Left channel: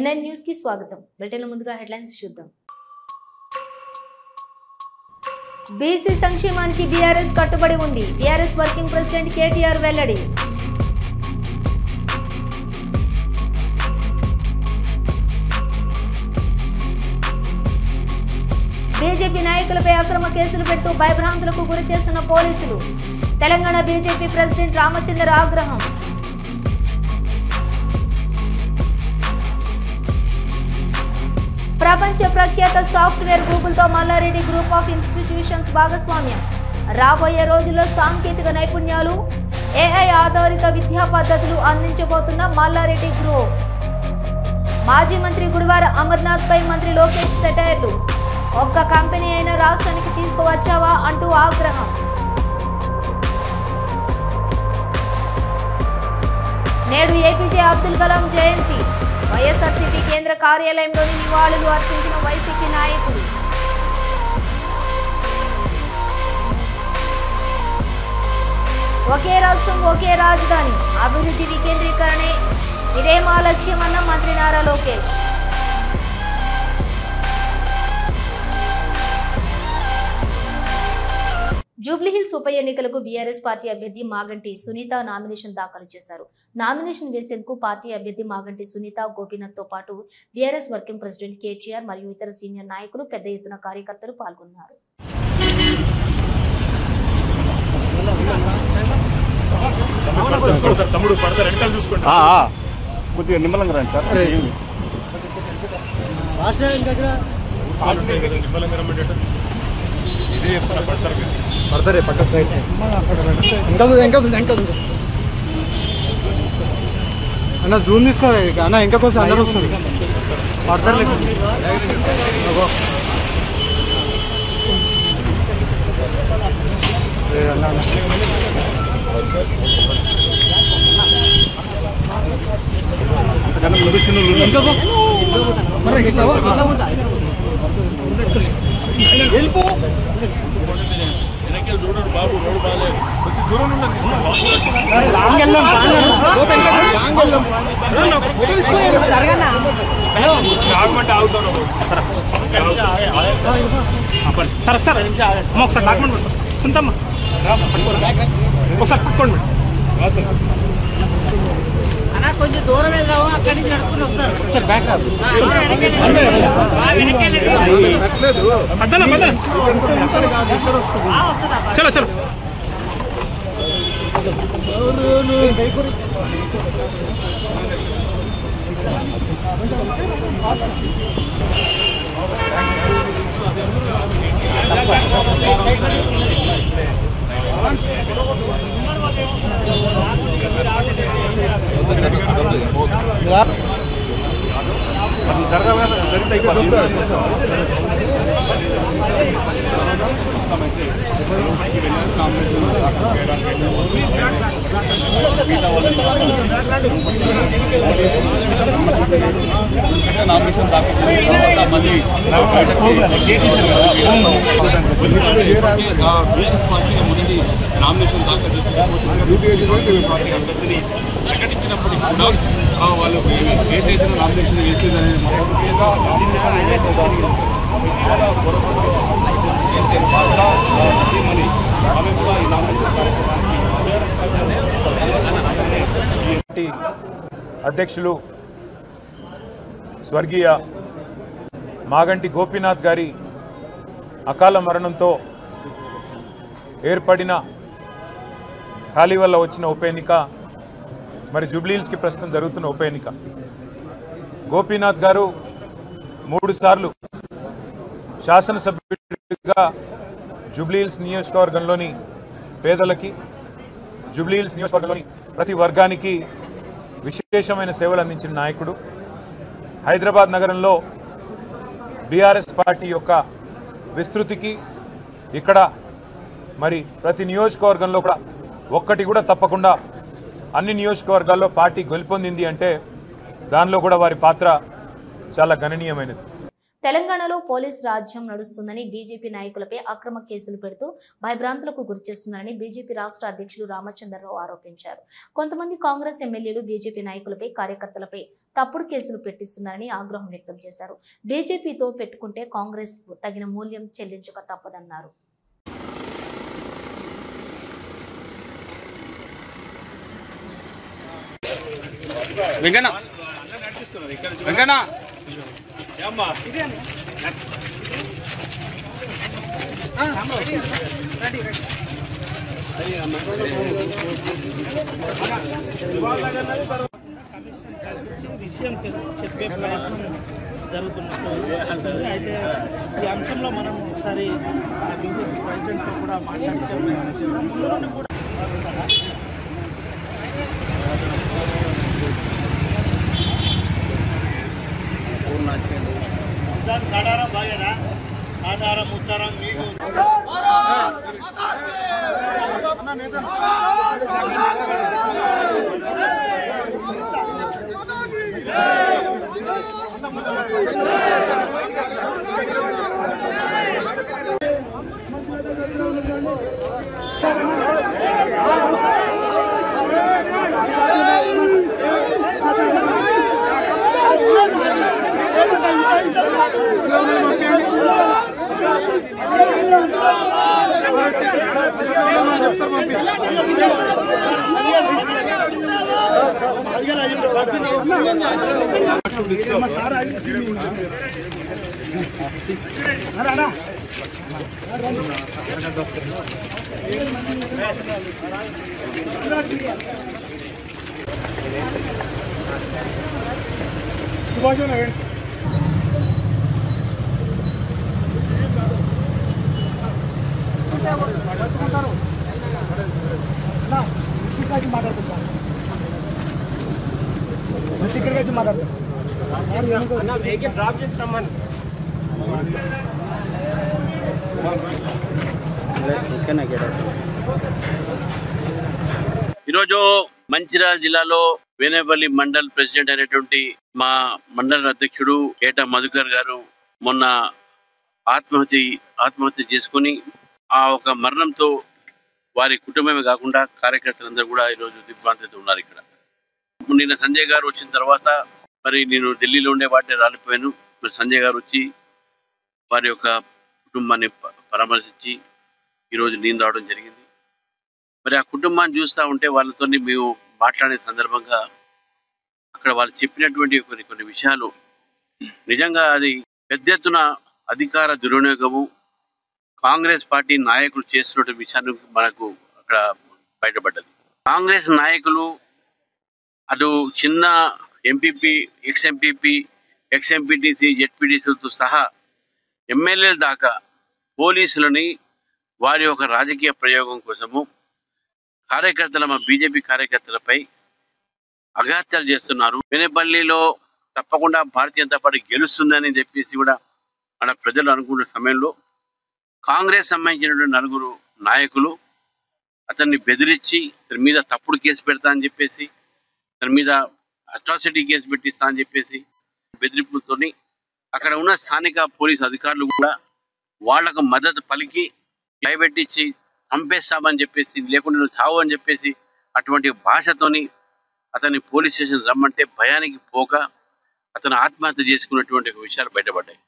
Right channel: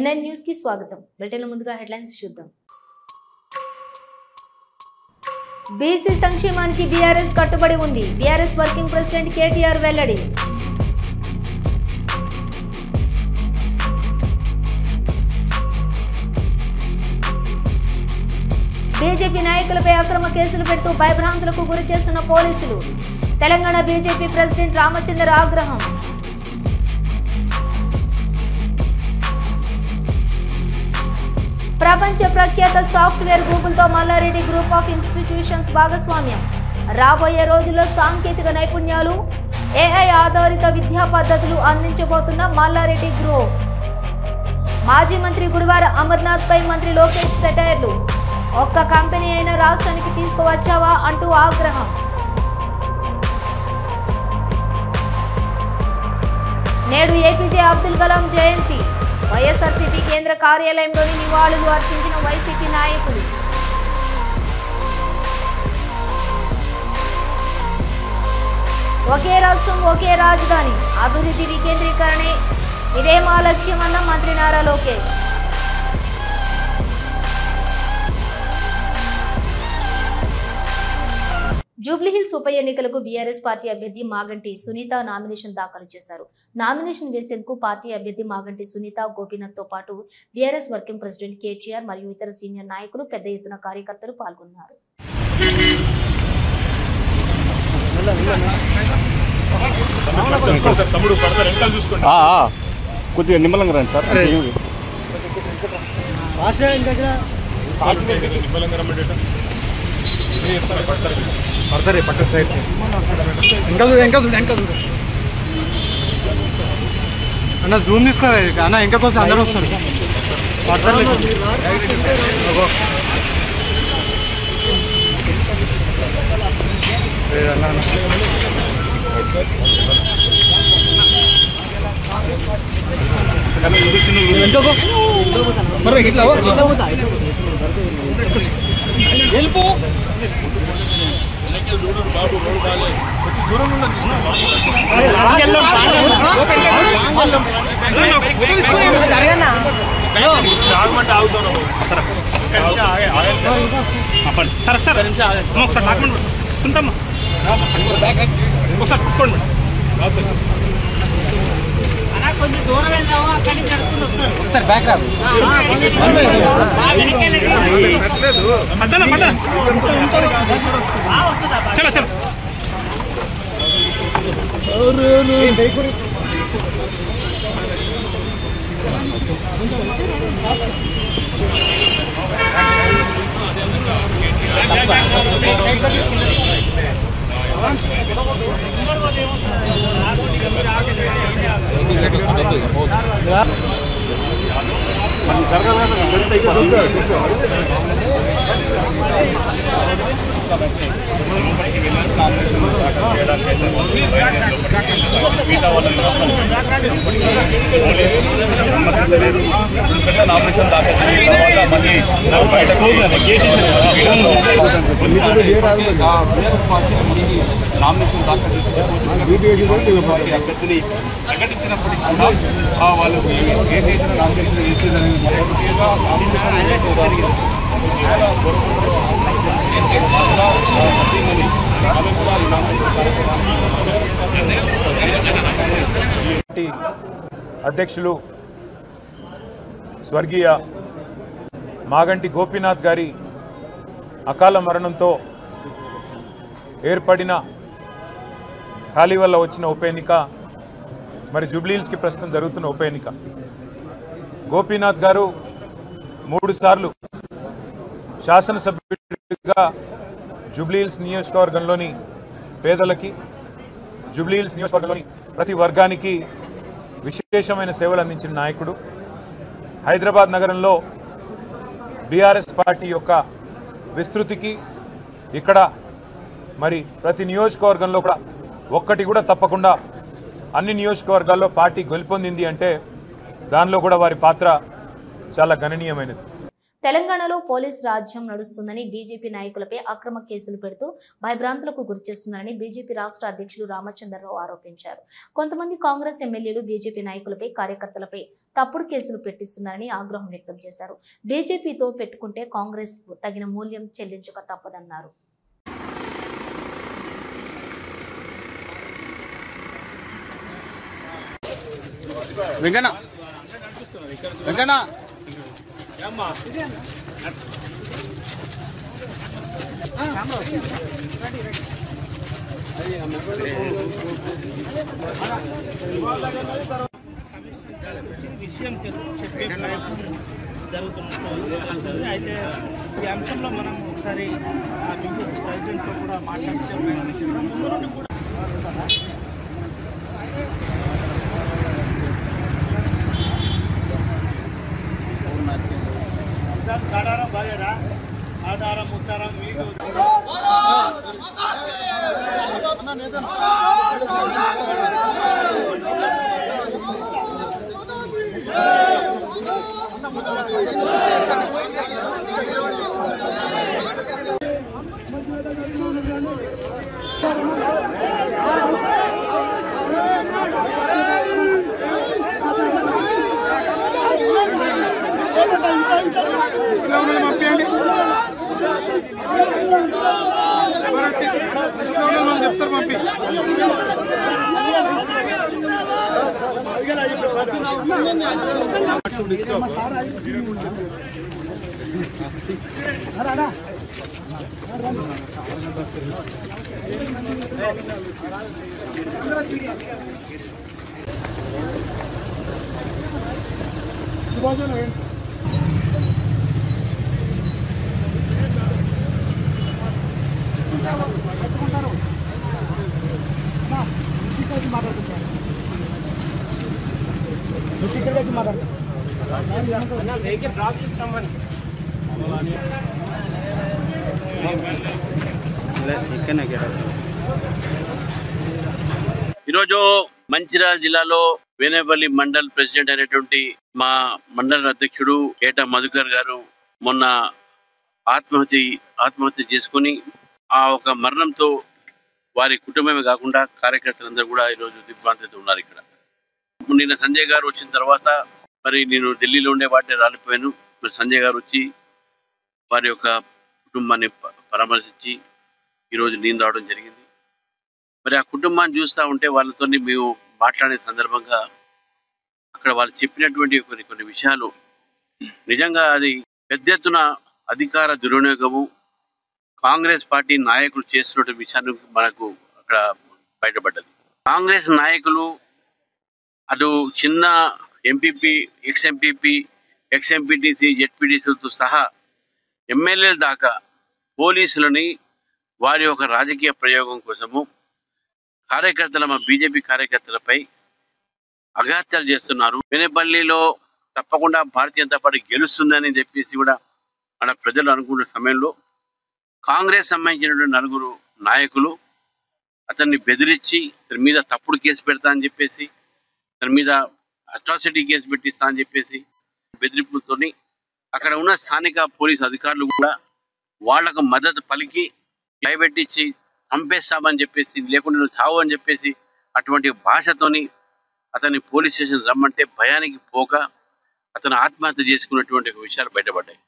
N9 news కి స్వాగతం. Bulletin ముందుగా హెడ్లైన్స్ చూద్దాం. బీసీ సంక్షేమానికి బీఆర్ఎస్ కట్టుబడి ఉంది. బీఆర్ఎస్ వర్కింగ్ ప్రెసిడెంట్ కేటీఆర్ వెల్లడి. బీజేపీ నాయకులపై అక్రమ కేసులు పెడుతూ భయభ్రాంతులకు గురి చేస్తున్న పోలీసులు. తెలంగాణ బీజేపీ ప్రెసిడెంట్ రామచంద్ర ఆగ్రహం. ప్రపంచ ప్రఖ్యాత సాఫ్ట్వేర్ గూగుల్తో మల్లారెడ్డి గ్రూప్ ఆఫ్ ఇన్స్టిట్యూషన్స్ భాగస్వామ్యం. రాబోయే రోజుల్లో సాంకేతిక నైపుణ్యాలు, ఏఐ ఆధారిత విద్యా పద్ధతులు అందించబోతున్న మల్లారెడ్డి గ్రూప్. మాజీ మంత్రి గుడివార అమర్నాథ్ పై మంత్రి లోకేష్ సెటైర్లు. ఒక్క కంపెనీ అయినా రాష్ట్రానికి తీసుకువచ్చావా అంటూ ఆగ్రహం. నేడు ఏపీజే అబ్దుల్ కలాం జయంతి. వైఎస్ఆర్సీపీ కేంద్ర కార్యాలయంలోని నివాళులు అర్పించిన వైసీపీ నాయకులు. ఒకే రాష్ట్రం ఒకే రాజధాని, అభివృద్ధి వికేంద్రీకరణే ఇదే మా లక్ష్యమన్న మంత్రి నారా లోకేష్. జూబ్లీహిల్స్ ఉప ఎన్నికలకు బీఆర్ఎస్ పార్టీ అభ్యర్థి మాగంటి సునీత నామినేషన్ దాఖలు చేశారు. నామినేషన్ వేసేందుకు పార్టీ అభ్యర్థి మాగంటి సునీత, గోపీనాథ్ తో పాటు బీఆర్ఎస్ వర్కింగ్ ప్రెసిడెంట్ కేటీఆర్ మరియు ఇతర సీనియర్ నాయకులు, పెద్ద ఎత్తున కార్యకర్తలు పాల్గొన్నారు. పడతారే పక్క సైడ్ అన్న జూమ్ తీసుకో అన్న, ఇంకా కోసం అందరూ వస్తారు పడతారు లేకుండా వెళ్ళిపో బాబు రోడ్ బాగాలేదు, దూరం ఆగుతాను సార్. సార్ ఒకసారి డాక్యుమెంట్ ఉంటామా, ఒకసారి కుట్టుకోండి. కొంచెం దూరం వెళ్దాము, అక్కడి నుంచి నడుచుకుని వస్తారు. ఒకసారి బ్యాక్ రాదు, చలో చలో. నామినేషన్ దాఖలు నామినేషన్ దాఖలు చేసిన పార్టీ అభ్యర్థిని ప్రకటించినప్పుడు కూడా వాళ్ళు ఏదైతే నామినేషన్ వేసిందని అధ్యక్షులు స్వర్గీయ మాగంటి గోపీనాథ్ గారి అకాల మరణంతో ఏర్పడిన ఖాళీ వల్ల వచ్చిన ఉప ఎన్నిక, మరి జూబ్లీహిల్స్కి ప్రస్తుతం జరుగుతున్న ఉప ఎన్నిక. గోపీనాథ్ గారు 3 సార్లు శాసనసభ్యుడిగా జూబ్లీహిల్స్ నియోజకవర్గంలోని పేదలకి, జూబ్లీహిల్స్ నియోజకవర్గంలోని ప్రతి వర్గానికి విశేషమైన సేవలు అందించిన నాయకుడు. హైదరాబాద్ నగరంలో బీఆర్ఎస్ పార్టీ యొక్క విస్తృతికి ఇక్కడ మరి ప్రతి నియోజకవర్గంలో కూడా ఒక్కటి కూడా తప్పకుండా అన్ని నియోజకవర్గాల్లో పార్టీ గెలుపొందింది అంటే దానిలో కూడా వారి పాత్ర చాలా గణనీయమైనది. తెలంగాణలో పోలీస్ రాజ్యం నడుస్తుందని బీజేపీ నాయకులపై అక్రమ కేసులు పెడుతూ భయభ్రాంతులకు గురిచేస్తున్నారని బీజేపీ రాష్ట్ర అధ్యక్షులు రామచంద్రరావు ఆరోపించారు. కొంతమంది కాంగ్రెస్ ఎమ్మెల్యేలు బీజేపీ నాయకులపై, కార్యకర్తలపై తప్పుడు కేసులు పెట్టిస్తున్నారని ఆగ్రహం వ్యక్తం చేశారు. బీజేపీతో పెట్టుకుంటే కాంగ్రెస్ తగిన మూల్యం చెల్లించక తప్పదన్నారు. విషయం చెప్పే ప్రయత్నం జరుగుతుంది. అయితే ఈ అంశంలో మనం ఒకసారి బీజేపీ ప్రెసిడెంట్ కూడా మాట్లాడుతూ ఆధారం బాగేదా ఆధారం ఉచ్చారం మీకు ఈరోజు మంచిర్యాల జిల్లాలో వేనేపల్లి మండల్ ప్రెసిడెంట్ అయినటువంటి మా మండల అధ్యక్షుడు ఏటా మధుకర్ గారు మొన్న ఆత్మహత్య చేసుకుని ఆ ఒక మరణంతో వారి కుటుంబమే కాకుండా కార్యకర్తలందరూ కూడా ఈరోజు దిగ్భ్రాంతితో ఉన్నారు. ఇక్కడ నిన్న సంజయ్ గారు వచ్చిన తర్వాత మరి నేను ఢిల్లీలో ఉండే వాటిని రాలిపోయాను. మరి సంజయ్ గారు వచ్చి వారి యొక్క కుటుంబాన్ని పరామర్శించి ఈరోజు నేను రావడం జరిగింది. మరి ఆ కుటుంబాన్ని చూస్తూ ఉంటే వాళ్ళతో మేము మాట్లాడే సందర్భంగా అక్కడ వాళ్ళు చెప్పినటువంటి కొన్ని విషయాలు నిజంగా అది పెద్ద ఎత్తున అధికార దుర్వినియోగము కాంగ్రెస్ పార్టీ నాయకులు చేస్తున్న విషయాన్ని మనకు అక్కడ బయటపడ్డది. కాంగ్రెస్ నాయకులు అటు చిన్న ఎంపీపీ, ఎక్స్ఎంపీపీ, ఎక్స్ఎంపీటీసీ, జెడ్పీటీసీలతో సహా ఎమ్మెల్యేల దాకా పోలీసులని వారి యొక్క రాజకీయ ప్రయోగం కోసము మా బీజేపీ కార్యకర్తలపై అఘాత్యాలు చేస్తున్నారు. వేనేపల్లిలో తప్పకుండా భారతీయ జనతా పార్టీ గెలుస్తుందని చెప్పేసి కూడా మన ప్రజలు అనుకున్న సమయంలో కాంగ్రెస్ సంబంధించినటువంటి 4 నాయకులు అతన్ని బెదిరించి తన మీద తప్పుడు కేసు పెడతా అని చెప్పేసి, తన మీద అట్రాసిటీ కేసు పెట్టిస్తా అని చెప్పేసి బెదిరింపులతో అక్కడ ఉన్న స్థానిక పోలీసు అధికారులు కూడా వాళ్లకు మద్దతు పలికి భయపెట్టించి చంపేస్తామని చెప్పేసి, లేకుండా నువ్వు చావు అని చెప్పేసి అటువంటి భాషతోని అతన్ని పోలీస్ స్టేషన్ రమ్మంటే భయానికి పోక అతను ఆత్మహత్య చేసుకున్నటువంటి విషయాలు బయటపడ్డాయి.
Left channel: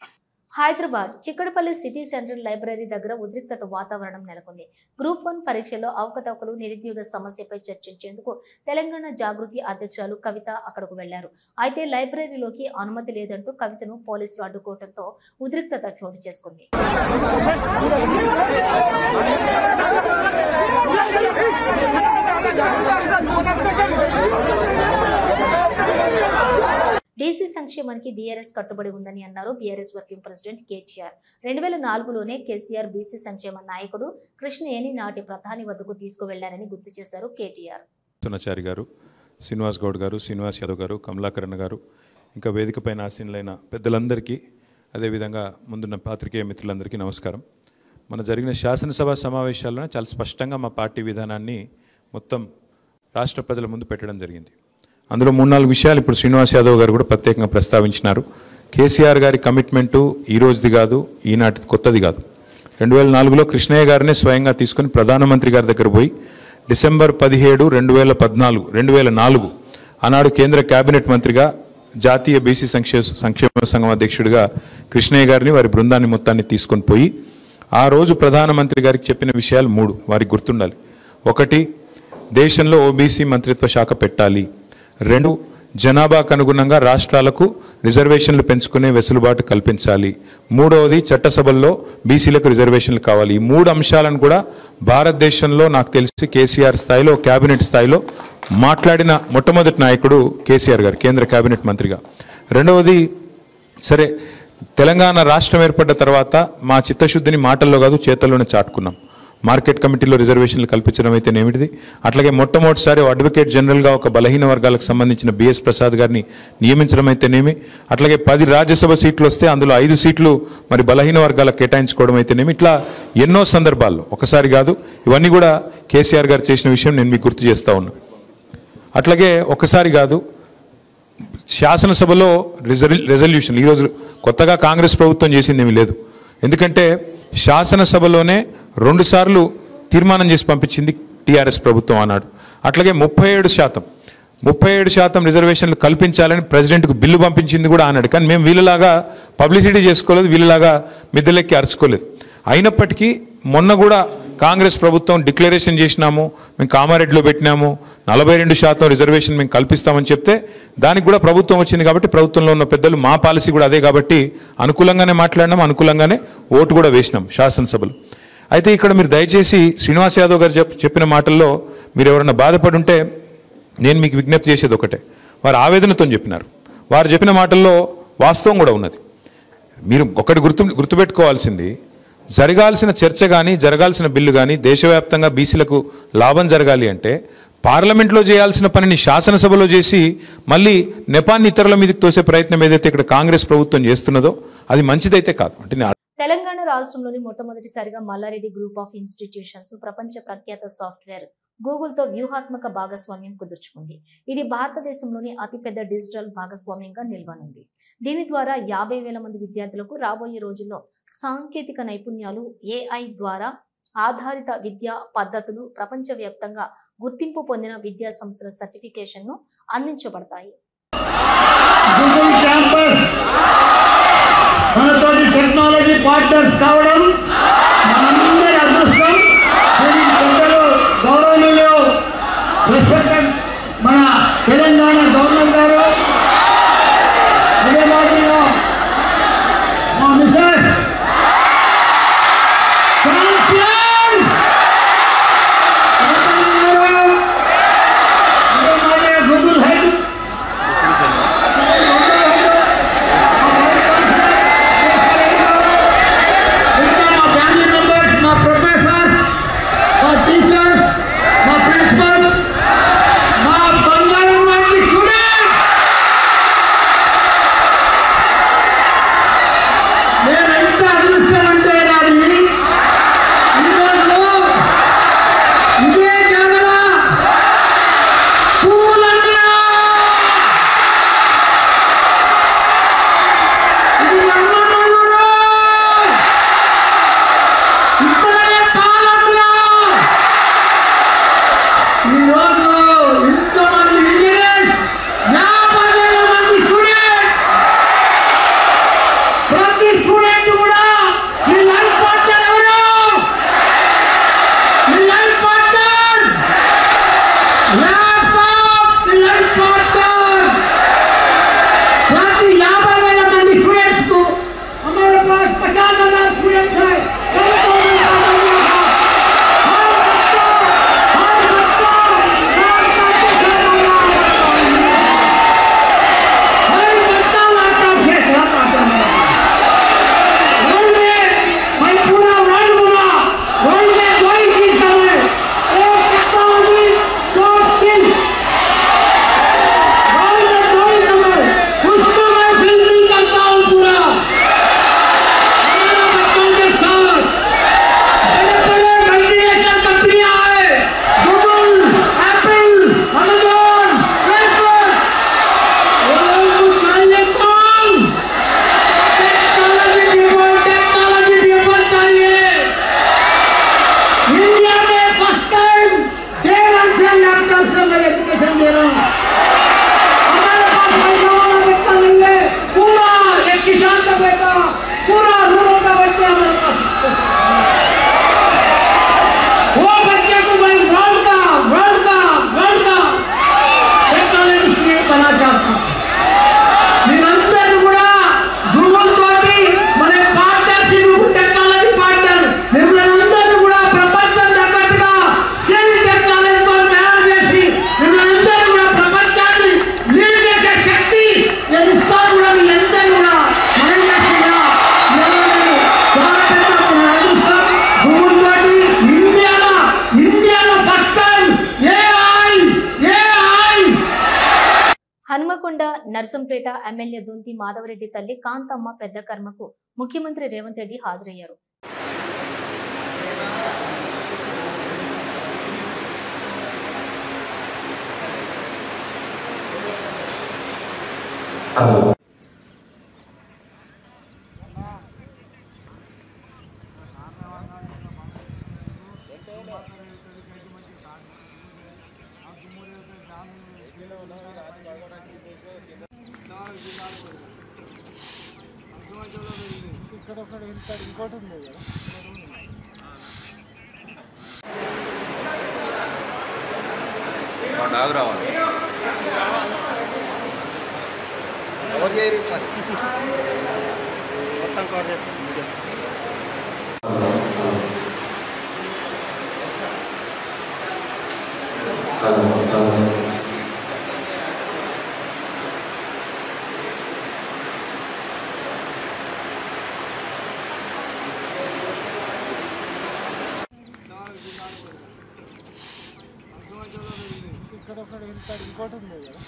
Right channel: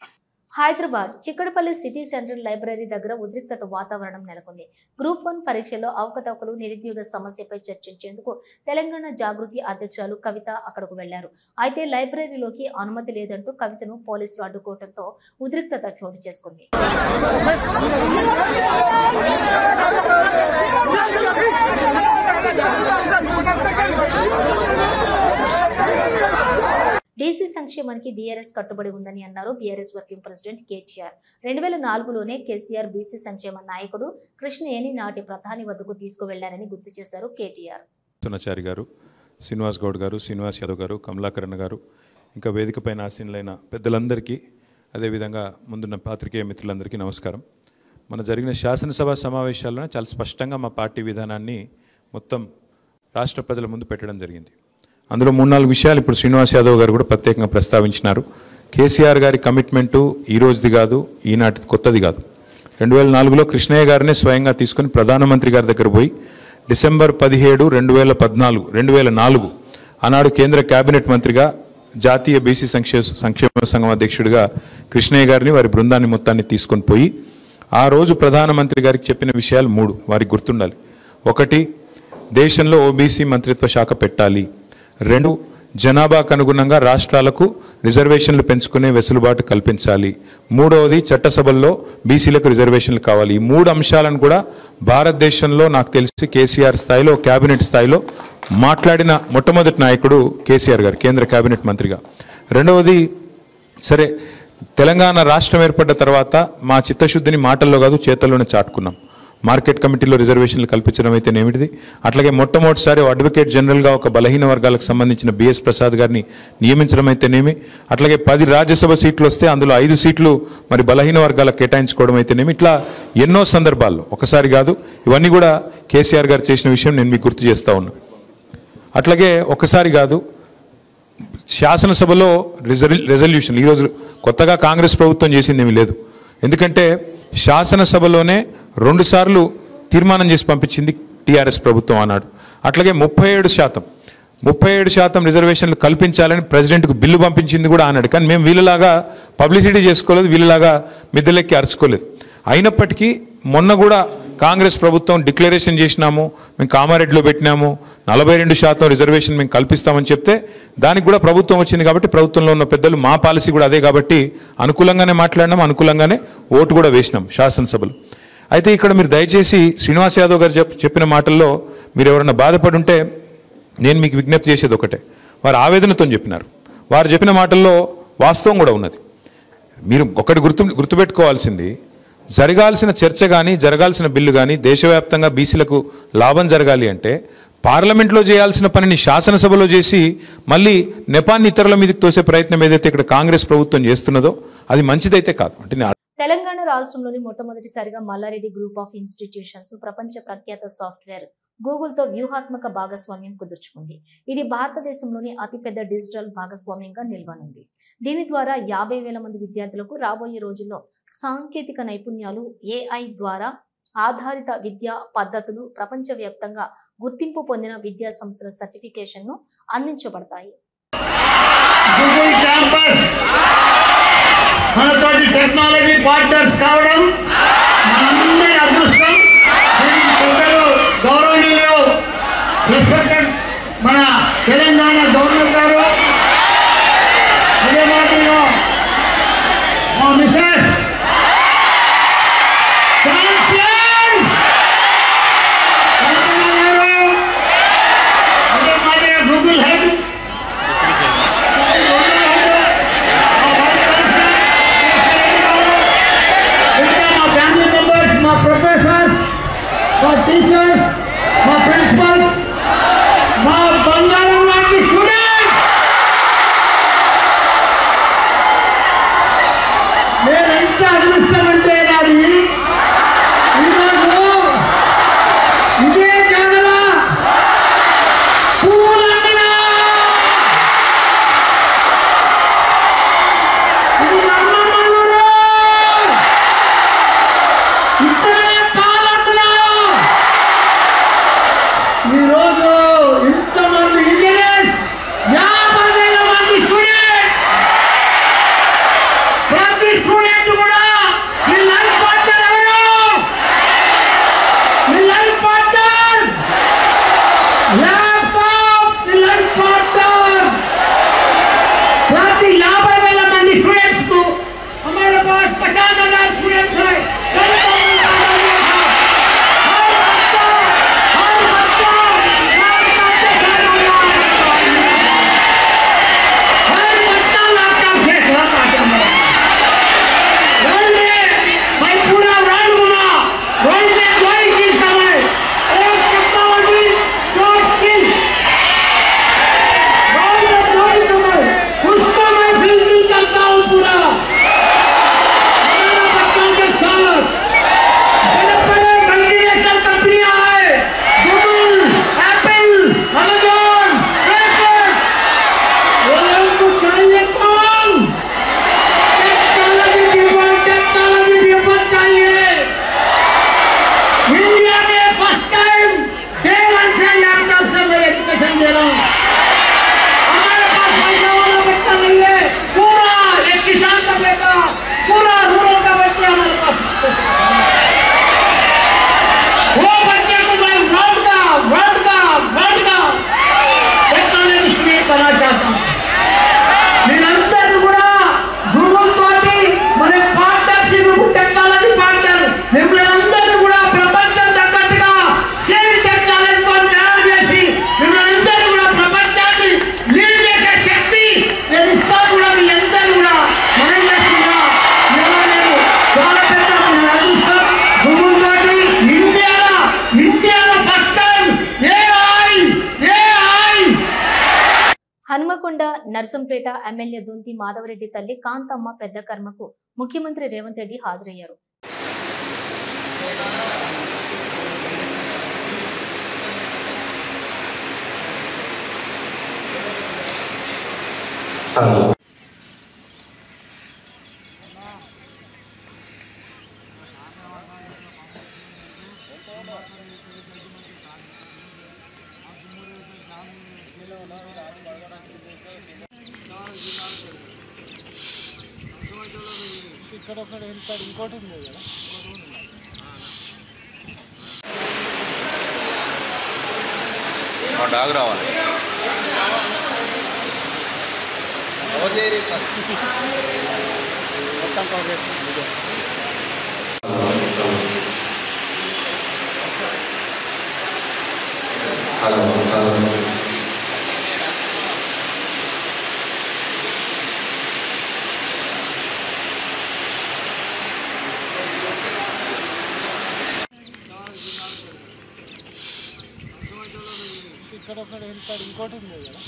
Hyderabad Chikkadpally city central library దగ్గర ఉద్రిక్తత వాతావరణం నెలకొంది. గ్రూప్ 1 పరీక్షల్లో అవకతవకలు, నిరుద్యోగ సమస్యపై చర్చించేందుకు తెలంగాణ జాగృతి అధ్యక్షులు కవిత అక్కడకు వెళ్లారు. అయితే లైబ్రరీలోకి అనుమతి లేదంటూ కవితను పోలీసులు అడ్డుకోవడంతో ఉద్రిక్తత చోటు చేసుకుంది. డీసీ సంక్షేమానికి బీఆర్ఎస్ కట్టుబడి ఉందని అన్నారు బీఆర్ఎస్ వర్కింగ్ ప్రెసిడెంట్ కేటీఆర్. 2004లోనే కేసీఆర్ బీసీ సంక్షేమ నాయకుడు కృష్ణయ్యని నాటి ప్రధాని వద్దకు తీసుకువెళ్లారని గుర్తు చేశారు కేటీఆర్. సునాచారి గారు, శ్రీనివాస్ గౌడ్ గారు, శ్రీనివాస్ యాదవ్ గారు, కమలాకరణ్ గారు, ఇంకా వేదికపైన ఆసీనులైన పెద్దలందరికీ, అదేవిధంగా ముందున్న పాత్రికేయ మిత్రులందరికీ నమస్కారం. మన జరిగిన శాసనసభ సమావేశాల్లో చాలా స్పష్టంగా మా పార్టీ విధానాన్ని మొత్తం రాష్ట్ర ప్రజల ముందు పెట్టడం జరిగింది. అందులో 3-4 విషయాలు ఇప్పుడు శ్రీనివాస్ యాదవ్ గారు కూడా ప్రత్యేకంగా ప్రస్తావించినారు. కేసీఆర్ గారి కమిట్మెంటు ఈ రోజుది కాదు, ఈనాటి కొత్తది కాదు. 2004లో కృష్ణయ్య గారినే స్వయంగా తీసుకొని ప్రధానమంత్రి గారి దగ్గర పోయి డిసెంబర్ 17, 2004 ఆనాడు కేంద్ర కేబినెట్ మంత్రిగా జాతీయ బీసీ సంక్షేమ సంఘం అధ్యక్షుడిగా కృష్ణయ్య గారిని వారి బృందాన్ని మొత్తాన్ని తీసుకొని పోయి ఆ రోజు ప్రధానమంత్రి గారికి చెప్పిన విషయాలు 3 వారికి గుర్తుండాలి. 1, దేశంలో ఓబీసీ మంత్రిత్వ శాఖ పెట్టాలి. 2, జనాభాకు అనుగుణంగా రాష్ట్రాలకు రిజర్వేషన్లు పెంచుకునే వెసులుబాటు కల్పించాలి. 3వది, చట్టసభల్లో బీసీలకు రిజర్వేషన్లు కావాలి. ఈ 3 అంశాలను కూడా భారతదేశంలో నాకు తెలిసి కేసీఆర్ స్థాయిలో, కేబినెట్ స్థాయిలో మాట్లాడిన మొట్టమొదటి నాయకుడు కేసీఆర్ గారు కేంద్ర కేబినెట్ మంత్రిగా. 2వది, సరే తెలంగాణ రాష్ట్రం ఏర్పడ్డ తర్వాత మా చిత్తశుద్ధిని మాటల్లో కాదు చేతల్లోనే చాటుకున్నాం. మార్కెట్ కమిటీలో రిజర్వేషన్లు కల్పించడం అయితే ఏమిటిది, అట్లాగే మొట్టమొదటిసారి అడ్వకేట్ జనరల్గా ఒక బలహీన వర్గాలకు సంబంధించిన బిఎస్ ప్రసాద్ గారిని నియమించడం అయితేనేమి, అట్లాగే 10 రాజ్యసభ సీట్లు వస్తే అందులో 5 సీట్లు మరి బలహీన వర్గాలకు కేటాయించుకోవడం అయితేనేమి, ఇట్లా ఎన్నో సందర్భాల్లో, ఒకసారి కాదు, ఇవన్నీ కూడా కేసీఆర్ గారు చేసిన విషయం నేను మీకు గుర్తు చేస్తూ ఉన్నా. అట్లాగే ఒకసారి కాదు, శాసనసభలో రెజల్యూషన్ ఈరోజు కొత్తగా కాంగ్రెస్ ప్రభుత్వం చేసింది ఏమీ లేదు. ఎందుకంటే శాసనసభలోనే 2 సార్లు తీర్మానం చేసి పంపించింది టీఆర్ఎస్ ప్రభుత్వం ఆనాడు. అట్లాగే 37% రిజర్వేషన్లు కల్పించాలని ప్రెసిడెంట్కు బిల్లు పంపించింది కూడా ఆనాడు. కానీ మేము వీళ్ళలాగా పబ్లిసిటీ చేసుకోలేదు, వీళ్ళలాగా మిద్దెలెక్కి అరుచుకోలేదు. అయినప్పటికీ మొన్న కూడా కాంగ్రెస్ ప్రభుత్వం డిక్లరేషన్ చేసినాము, మేము కామారెడ్డిలో పెట్టినాము, 42% రిజర్వేషన్ మేము కల్పిస్తామని చెప్తే దానికి కూడా ప్రభుత్వం వచ్చింది. కాబట్టి ప్రభుత్వంలో ఉన్న పెద్దలు మా పాలసీ కూడా అదే కాబట్టి అనుకూలంగానే మాట్లాడినాం, అనుకూలంగానే ఓటు కూడా వేసినాం శాసనసభలో. అయితే ఇక్కడ మీరు దయచేసి శ్రీనివాస్ యాదవ్ గారు చెప్పిన మాటల్లో మీరు ఎవరన్నా బాధపడి ఉంటే నేను మీకు విజ్ఞప్తి చేసేది ఒకటే, వారు ఆవేదనతో చెప్పినారు. వారు చెప్పిన మాటల్లో వాస్తవం కూడా ఉన్నది. మీరు ఒకటి గుర్తుపెట్టుకోవాల్సింది, జరగాల్సిన చర్చ కానీ జరగాల్సిన బిల్లు కానీ దేశవ్యాప్తంగా బీసీలకు లాభం జరగాలి అంటే పార్లమెంట్లో చేయాల్సిన పనిని శాసనసభలో చేసి మళ్ళీ నెపాన్ని ఇతరుల మీదకి తోసే ప్రయత్నం ఏదైతే ఇక్కడ కాంగ్రెస్ ప్రభుత్వం చేస్తున్నదో అది మంచిదైతే కాదు. అంటే తెలంగాణ రాష్ట్రంలోని మొట్టమొదటిసారిగా మల్లారెడ్డి గ్రూప్ ఆఫ్ ఇన్స్టిట్యూషన్స్ ప్రపంచ ప్రఖ్యాత సాఫ్ట్వేర్ గూగుల్తో వ్యూహాత్మక భాగస్వామ్యం కుదుర్చుకుంది. ఇది భారతదేశంలోని అతిపెద్ద డిజిటల్ భాగస్వామ్యంగా నిలవనుంది. దీని ద్వారా 50,000 మంది విద్యార్థులకు రాబోయే రోజుల్లో సాంకేతిక నైపుణ్యాలు, AI ద్వారా ఆధారిత విద్యా పద్ధతులు, ప్రపంచవ్యాప్తంగా గుర్తింపు పొందిన విద్యా సంస్థల సర్టిఫికేషన్ను అందించబడతాయి. టెక్నాలజీ పార్ట్నర్స్ కావడం అందరి అదృష్టం. గౌరవనీయులు మన తెలంగాణ గవర్నర్ గారు, అదే మాదిరిగా మా Mrs Google head Hanumakonda Narsampet MLA Dunthi Madhavareddy తల్లి కాంతమ్మ పెద్ద కర్మకు ముఖ్యమంత్రి రేవంత్ రెడ్డి హాజరయ్యారు. ఇక్కడ ఒకటి వెళ్తాడు, ఇంకోటి ఉంది కదా. డాగ్ రావాలి. ఇక్కడ ఒకటి వెళ్తాడు, ఇంకోటి ఉంది కదా.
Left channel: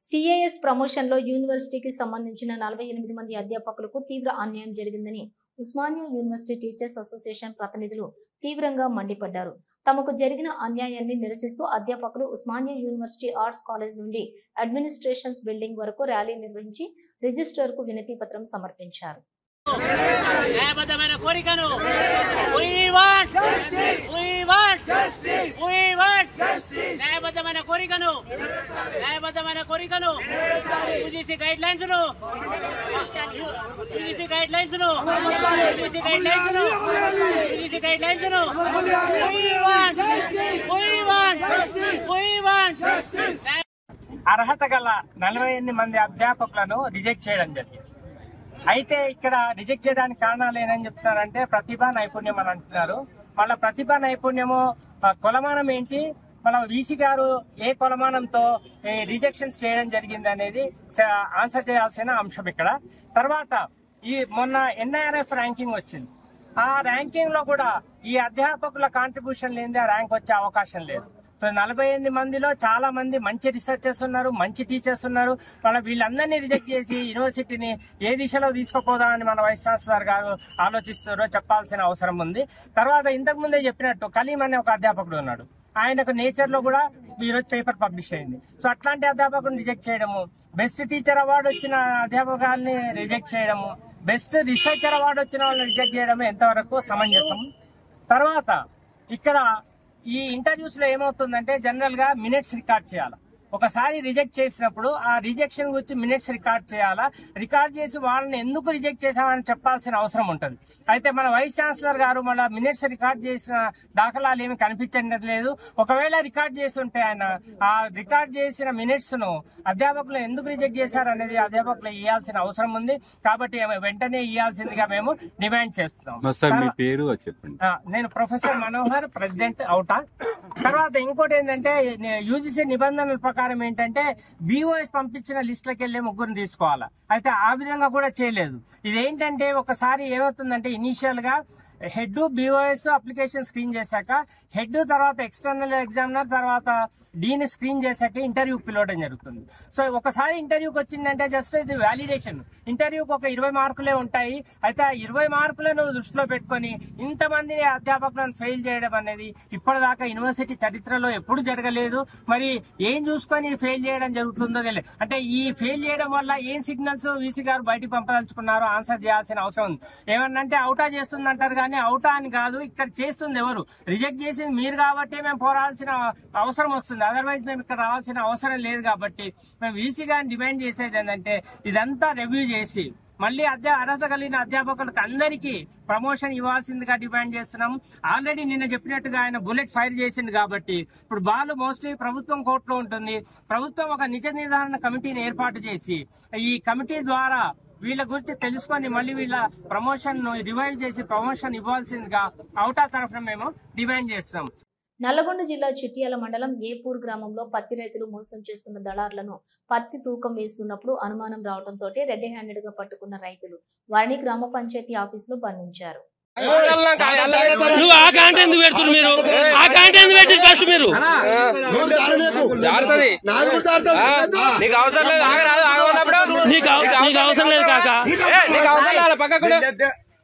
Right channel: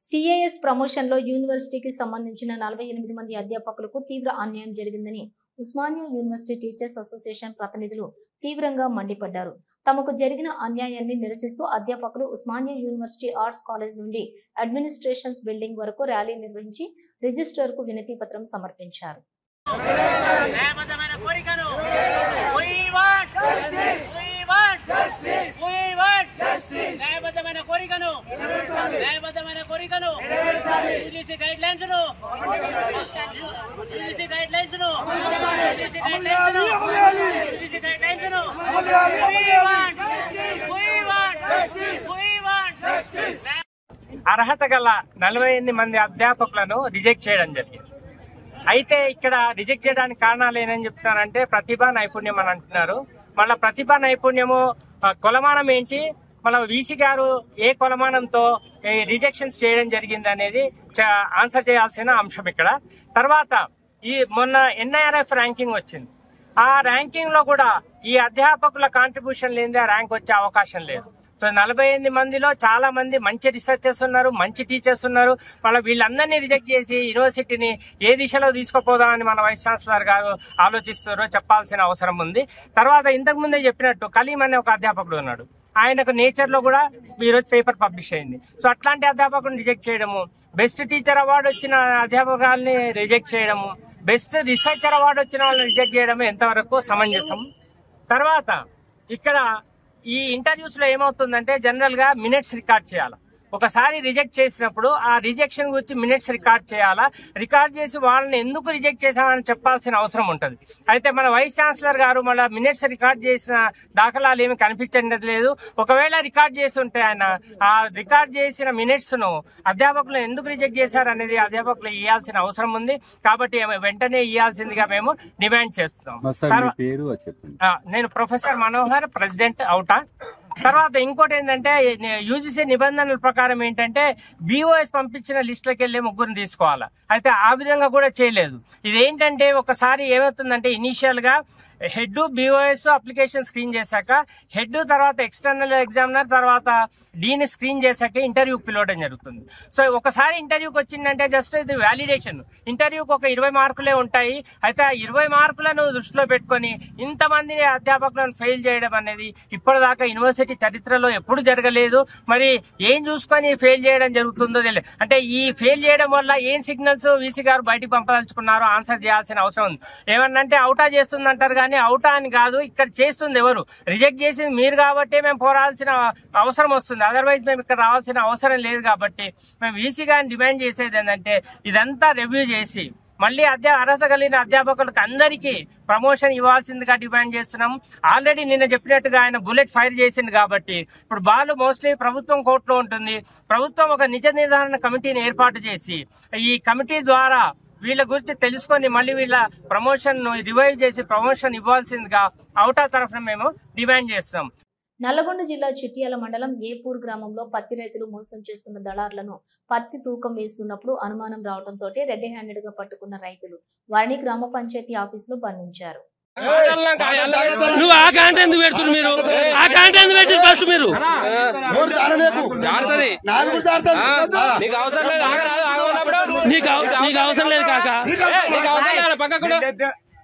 సిఐఎస్ ప్రమోషన్లో యూనివర్సిటీకి సంబంధించిన 48 మంది అధ్యాపకులకు తీవ్ర అన్యాయం జరిగిందని ఉస్మానియా యూనివర్సిటీ టీచర్స్ అసోసియేషన్ ప్రతినిధులు తీవ్రంగా మండిపడ్డారు. తమకు జరిగిన అన్యాయాన్ని నిరసిస్తూ అధ్యాపకులు ఉస్మానియా యూనివర్సిటీ ఆర్ట్స్ కాలేజ్ నుండి అడ్మినిస్ట్రేషన్స్ బిల్డింగ్ వరకు ర్యాలీ నిర్వహించి రిజిస్ట్రార్కు వినతి పత్రం సమర్పించారు. న్యాయబద్ధమైన కోరికను యూజీసీ గైడ్ లైన్స్ అర్హత గల 48 మంది అధ్యాపకులను రిజెక్ట్ చేయడం జరిగింది. అయితే ఇక్కడ రిజెక్ట్ చేయడానికి కారణాలు ఏమని చెప్తున్నారంటే ప్రతిభా నైపుణ్యం అని అంటున్నారు. మళ్ళీ ప్రతిభా నైపుణ్యము కొలమానం ఏంటి, మళ్ళీ వీసీ గారు ఏ కొలమానంతో రిజెక్షన్స్ చేయడం జరిగింది అనేది ఆన్సర్ చేయాల్సిన అంశం ఇక్కడ. తర్వాత ఈ మొన్న ఎన్ఐఆర్ఎఫ్ ర్యాంకింగ్ వచ్చింది. ఆ ర్యాంకింగ్ లో కూడా ఈ అధ్యాపకుల కాంట్రిబ్యూషన్ లేనిదే ర్యాంక్ వచ్చే అవకాశం లేదు. సో 48 మందిలో చాలా మంది మంచి రీసెర్చర్స్ ఉన్నారు, మంచి టీచర్స్ ఉన్నారు. మళ్ళీ వీళ్ళందరినీ రిజెక్ట్ చేసి యూనివర్సిటీని ఏ దిశలో తీసుకుపోదాం అని మన వైస్ ఛాన్సలర్ గారు ఆలోచిస్తారో చెప్పాల్సిన అవసరం ఉంది. తర్వాత ఇంతకు ముందే చెప్పినట్టు కలీం అనే ఒక అధ్యాపకుడు ఉన్నాడు. ఆయనకు నేచర్ లో కూడా ఈరోజు పేపర్ పబ్లిష్ అయింది. సో అట్లాంటి అధ్యాపకులను రిజెక్ట్ చేయడము, బెస్ట్ టీచర్ అవార్డు వచ్చిన అధ్యాపకాలని రిజెక్ట్ చేయడము, బెస్ట్ రీసెర్చర్ అవార్డు వచ్చిన వాళ్ళని రిజెక్ట్ చేయడము ఎంతవరకు సమంజసం? తర్వాత ఇక్కడ ఈ ఇంటర్వ్యూస్ లో ఏమవుతుందంటే జనరల్ గా మినిట్స్ రికార్డ్ చేయాలి. ఒకసారి రిజెక్ట్ చేసినప్పుడు ఆ రిజెక్షన్ గురించి మినిట్స్ రికార్డ్ చేయాలా, రికార్డ్ చేసి వాళ్ళని ఎందుకు రిజెక్ట్ చేశామని చెప్పాల్సిన అవసరం ఉంటుంది. అయితే మన వైస్ ఛాన్సలర్ గారు మళ్ళీ మినిట్స్ రికార్డ్ చేసిన దాఖలాలు ఏమి కనిపించట్లేదు. ఒకవేళ రికార్డ్ చేసి ఉంటే ఆయన ఆ రికార్డ్ చేసిన మినిట్స్ ను అధ్యాపకులు ఎందుకు రిజెక్ట్ చేశారు అనేది అధ్యాపకులు ఇవ్వాల్సిన అవసరం ఉంది. కాబట్టి వెంటనే ఇవ్వాల్సిందిగా మేము డిమాండ్ చేస్తున్నాం. నేను ప్రొఫెసర్ మనోహర్, ప్రెసిడెంట్ అవుటా. తర్వాత ఇంకోటి ఏంటంటే యూజీసీ నిబంధనల ప్రకారం ఏంటంటే బీఓఎస్ పంపించిన లిస్టులకు వెళ్ళి ముగ్గురిని తీసుకోవాలి. అయితే ఆ విధంగా కూడా చేయలేదు. ఇదేంటంటే ఒకసారి ఏమవుతుందంటే ఇనీషియల్ గా హెడ్ బీఓఎస్ అప్లికేషన్ స్క్రీన్ చేశాక హెడ్ తర్వాత ఎక్స్టర్నల్ ఎగ్జామినర్ తర్వాత డీని స్క్రీన్ చేశాక ఇంటర్వ్యూకి పిలవడం జరుగుతుంది. సో ఒకసారి ఇంటర్వ్యూకి వచ్చిందంటే జస్ట్ ఇది వ్యాలిడేషన్. ఇంటర్వ్యూకి ఒక 20 మార్కులే ఉంటాయి. అయితే ఆ 20 మార్కులను దృష్టిలో పెట్టుకుని ఇంతమంది అధ్యాపకులను ఫెయిల్ చేయడం అనేది ఇప్పటిదాకా యూనివర్సిటీ చరిత్రలో ఎప్పుడు జరగలేదు. మరి ఏం చూసుకొని ఫెయిల్ చేయడం జరుగుతుందో తెలియదు. అంటే ఈ ఫెయిల్ చేయడం వల్ల ఏం సిగ్నల్స్ వీసీ గారు బయటికి పంపదలుచుకున్నారో ఆన్సర్ చేయాల్సిన అవసరం ఉంది. ఏమన్నంటే అవుటా చేస్తుందంటారు కానీ అవుటా అని కాదు, ఇక్కడ చేస్తుంది ఎవరు? రిజెక్ట్ చేసింది మీరు కాబట్టి మేము పోరాడాల్సిన అవసరం వస్తుంది. అదర్వైజ్ మేము ఇక్కడ రావాల్సిన అవసరం లేదు. కాబట్టి మేము వీసీ గారిని డిమాండ్ చేసేది ఏంటంటే ఇదంతా రివ్యూ చేసి మళ్ళీ అర్హత కలిగిన అధ్యాపకులకు అందరికీ ప్రమోషన్ ఇవ్వాల్సిందిగా డిమాండ్ చేస్తున్నాం. ఆల్రెడీ నిన్న చెప్పినట్టుగా ఆయన బుల్లెట్ ఫైర్ చేసింది కాబట్టి ఇప్పుడు బాల్ మోస్ట్లీ ప్రభుత్వం కోర్టులో ఉంటుంది. ప్రభుత్వం ఒక నిజ నిర్ధారణ కమిటీని ఏర్పాటు చేసి ఈ కమిటీ ద్వారా వీళ్ళ గురించి తెలుసుకొని మళ్ళీ వీళ్ళ ప్రమోషన్ రివైవ్ చేసి ప్రమోషన్ ఇవ్వాల్సిందిగా అవుటా తరఫున మేము డిమాండ్ చేస్తాం. నల్లగొండ జిల్లా చిట్యాల మండలం ఏపూర్ గ్రామంలో పత్తి రైతులు మోసం చేస్తున్న దళారులను పత్తి తూకం వేస్తున్నప్పుడు అనుమానం రావడంతో రెడ్ హ్యాండెడ్ గా పట్టుకున్న రైతులు వారిని గ్రామ పంచాయతీ ఆఫీసులో బంధించారు. ప్యాంట్ ఎందుకు పెట్టి ఫస్ట్ మీరు జారుతుంది నీకు అవసరం లేదు ఆగన్నప్పుడు నీకు అవసరం లేదు కాక నీకు అవసరం లేదు పక్క కూడా